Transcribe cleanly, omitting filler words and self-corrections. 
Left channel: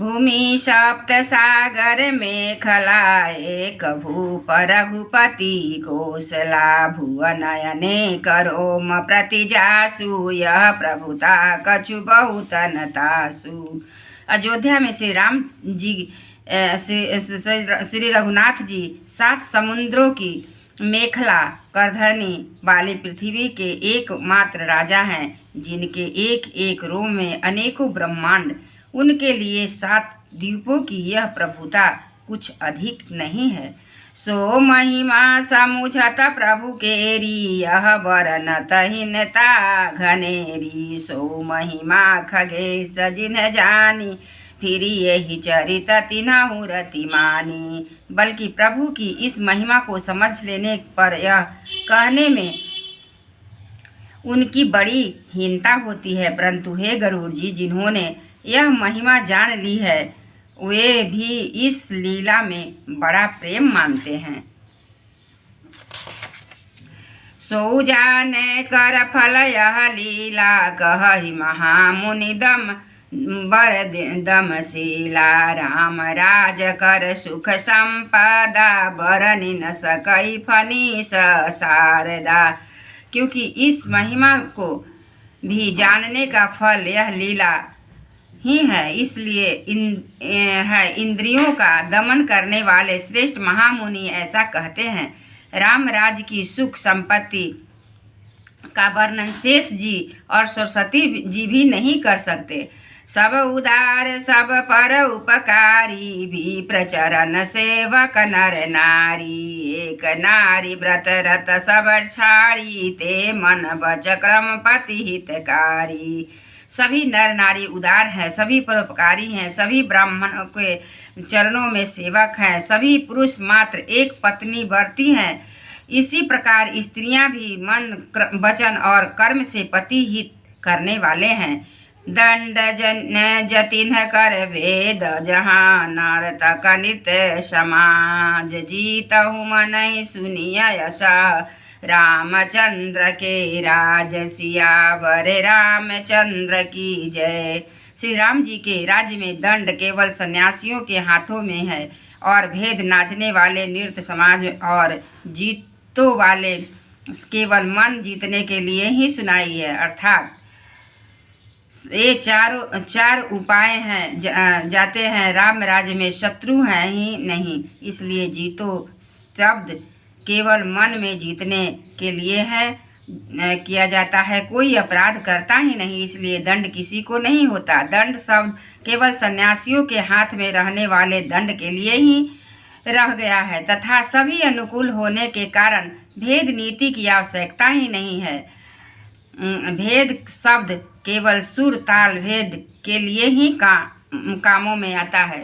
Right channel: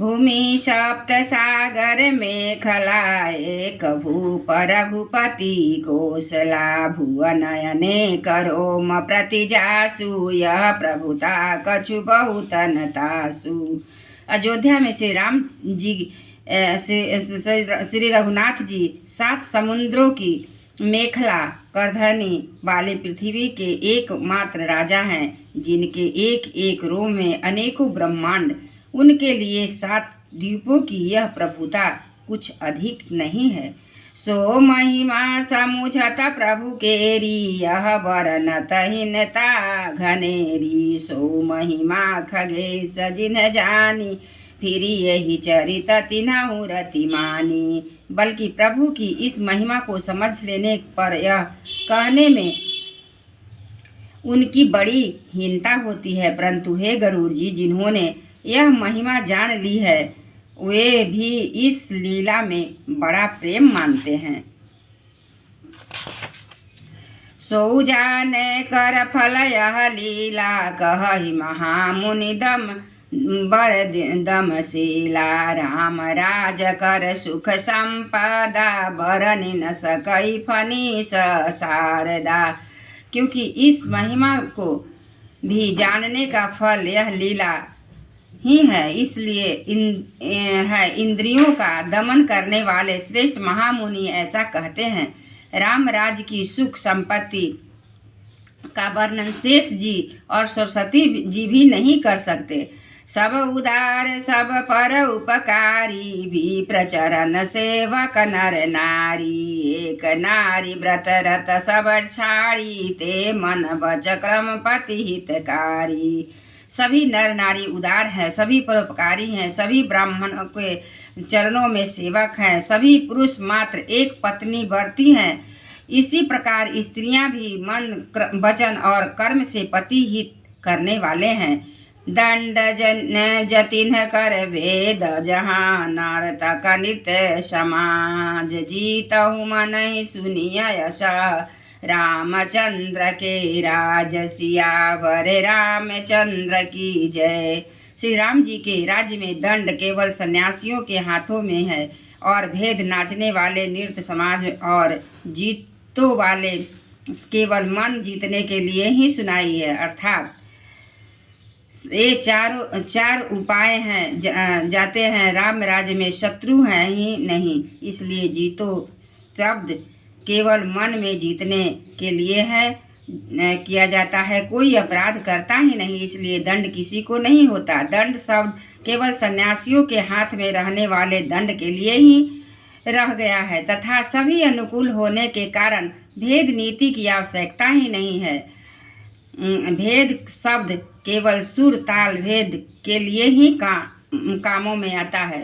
भूमि सप्त सागर मेखला एक भूप रघुपति कौशला भुवन अनेक रोम प्रतिजासु यह प्रभुता कछु बहुत नतासु। अयोध्या में श्री राम जी श्री रघुनाथ जी 7 समुद्रों की मेखला करधनी वाली पृथ्वी के एकमात्र राजा हैं, जिनके एक एक रोम में अनेकों ब्रह्मांड। उनके लिए 7 द्वीपों की यह प्रभुता कुछ अधिक नहीं है। सो महिमा समुझत प्रभु केरी यह बरनत हिनता घनेरी। सो महिमा खगेश जिन्ह जानी फिर यही चरित तिन्हु रति मानी। बल्कि प्रभु की इस महिमा को समझ लेने पर यह कहने में उनकी बड़ी हीनता होती है। परंतु हे गरुड़ जी, जिन्होंने यह महिमा जान ली है वे भी इस लीला में बड़ा प्रेम मानते हैं। सो जाने कर फल यह लीला कहि महामुनि दम बर दमशीला। राम राज कर सुख संपदा बरनि न सकई फनीस शारदा। क्योंकि इस महिमा को भी जानने का फल यह लीला ही है, इसलिए इंद्रियों का दमन करने वाले श्रेष्ठ महामुनि ऐसा कहते हैं। राम राज की सुख संपत्ति का वर्णन शेष जी और सरस्वती जी भी नहीं कर सकते। सब उदार सब पर उपकारी भी प्रचरण सेवक नर नारी। एक नारी व्रत रत सब छाड़ी ते मन बच क्रम पति हितकारी। सभी नर नारी उदार हैं, सभी परोपकारी हैं, सभी ब्राह्मणों के चरणों में सेवक हैं, सभी पुरुष मात्र एक पत्नी वर्ती हैं। इसी प्रकार स्त्रियां भी मन वचन और कर्म से पति हित करने वाले हैं। दंड जतिन कर वेद जहाँ नर्तक नृत्य समाज। जीतहु मन ही सुनिय यश रामचंद्र के राज। सियावर रामचंद्र की जय। श्री राम जी के राज्य में दंड केवल सन्यासियों के हाथों में है और भेद नाचने वाले नृत्य समाज और जीतों वाले केवल मन जीतने के लिए ही सुनाई है। अर्थात ये चार उपाय हैं जाते हैं। राम राज्य में शत्रु हैं ही नहीं, इसलिए जीतो शब्द केवल मन में जीतने के लिए है किया जाता है। कोई अपराध करता ही नहीं, इसलिए दंड किसी को नहीं होता। दंड शब्द केवल सन्यासियों के हाथ में रहने वाले दंड के लिए ही रह गया है तथा सभी अनुकूल होने के कारण भेद नीति की आवश्यकता ही नहीं है। भेद शब्द केवल सुर ताल भेद के लिए ही कामों में आता है।